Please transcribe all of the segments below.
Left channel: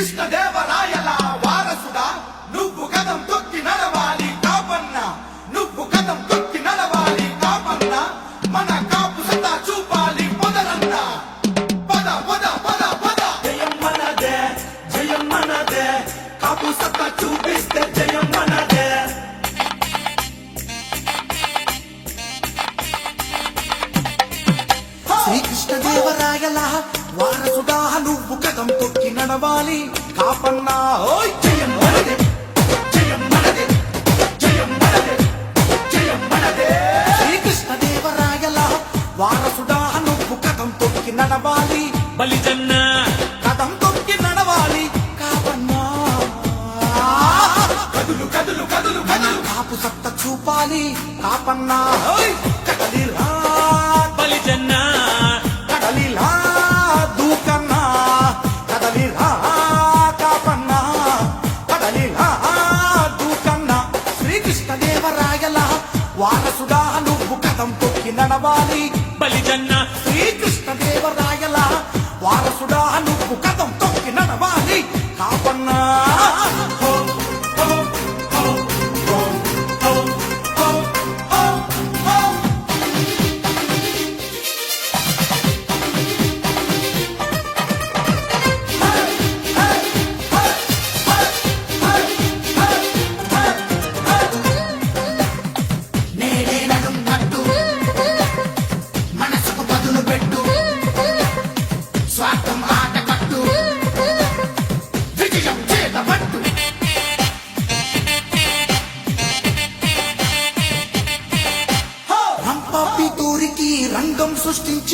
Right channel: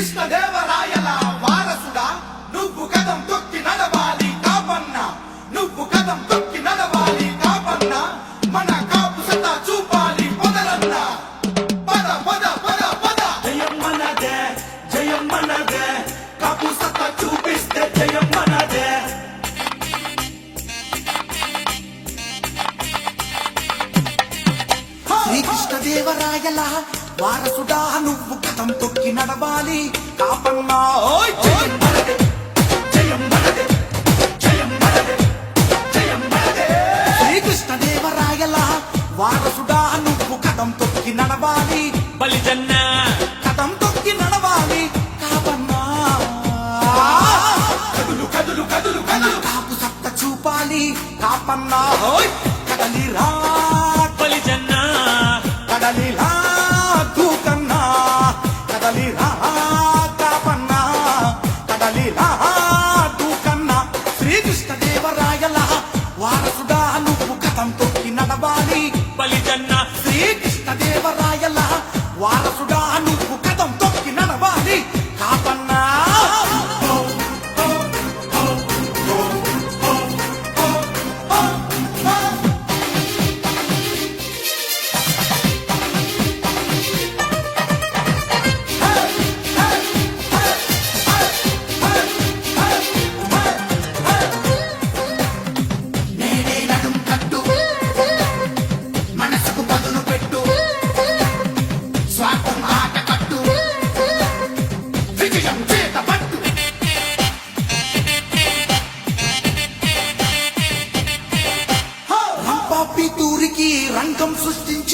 está రాని రాపన్నా. కదలి రా బలిజన్న కదలి రా తూకన్న. కదలి రా కాపన్న. కదలి రా తూకన్న. శ్రీకృష్ణ దేవరాయల వారసుడా నువ్వు కథం తొక్కి నడవాలి. బలిజన్న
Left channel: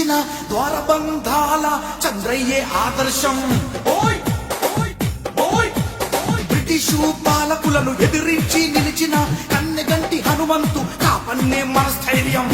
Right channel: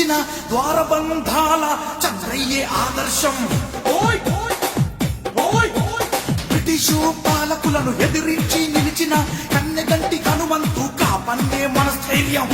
తెరిచిన ద్వారబంధాల చంద్రయ్యే ఆదర్శం. ఓయ్! ఓయ్! బ్రిటిషు పాలకులను ఎదిరించి నిలిచిన కన్నెగంటి హనుమంతు కాపన్నే మన స్థైర్యం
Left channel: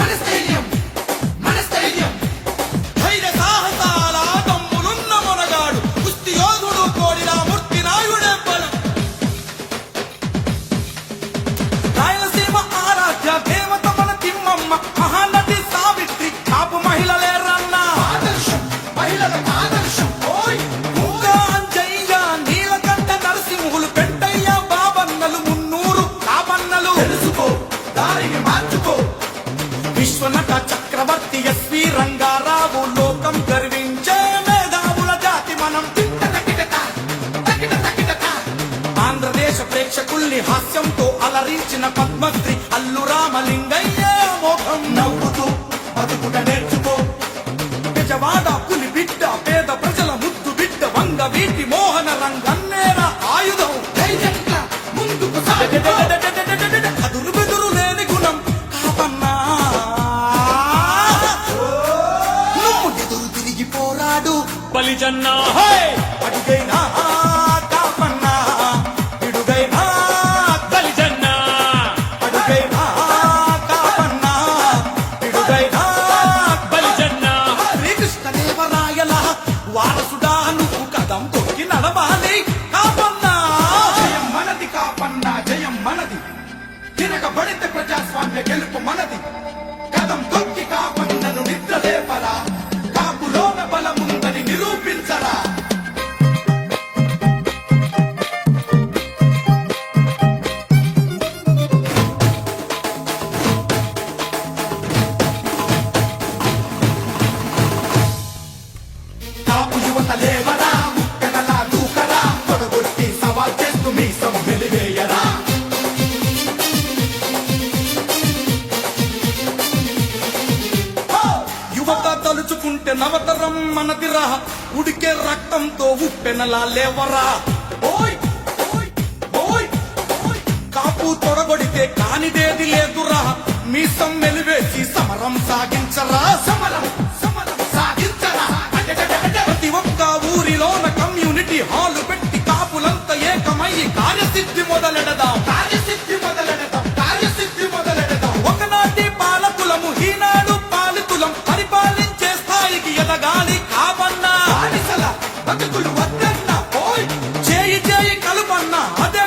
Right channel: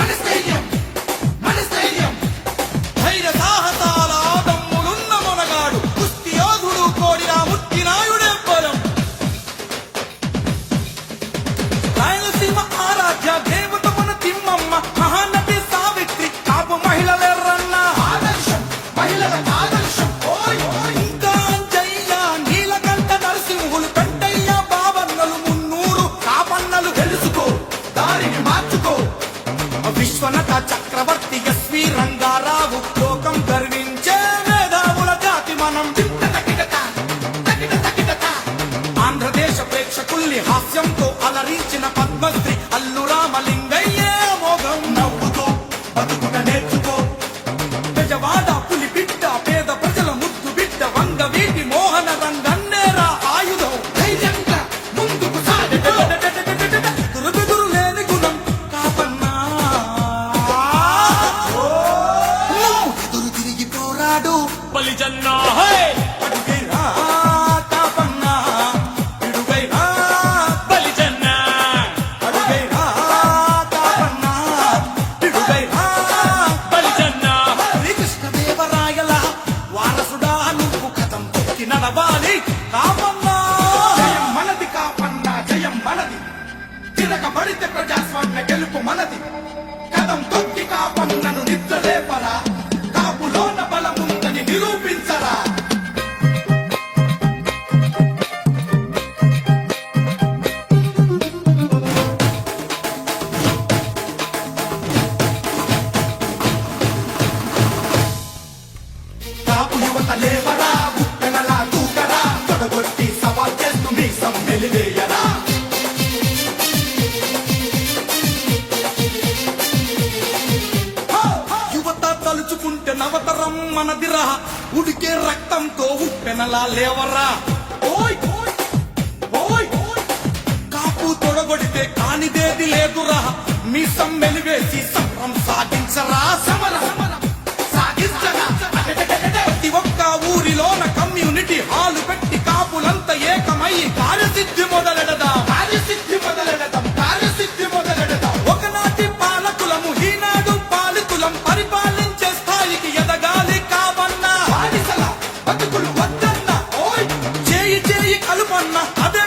మార్చుకో. విశ్వనట చక్రవర్తి ఎస్వి రంగారావు లోకం గర్వించే మేధావుల జాతి మనం. ఆంధ్రదేశ ప్రేక్షకుల్ని హాస్యంతో అలరించిన పద్మశ్రీ అల్లు మోగం నవ్వుతూ బతుకుట నేర్చుకో. పడితే ప్రజాస్వామ్య గెలుపు మనది. కదం కొద్ది కాపం నన్ను నిద్ర లేపరా. కాపులోన బలముందని నిరూపించరా. కాపు యువత లేవరా. పెనలా లేవరా ఓయ్! ఓయ్! కాపు తొడబడితే కానిదేది లేదురా. మీ సమ్మెలు వేసి సమరం సాగించరా? చేయి చేయి కలుపన్న. అదే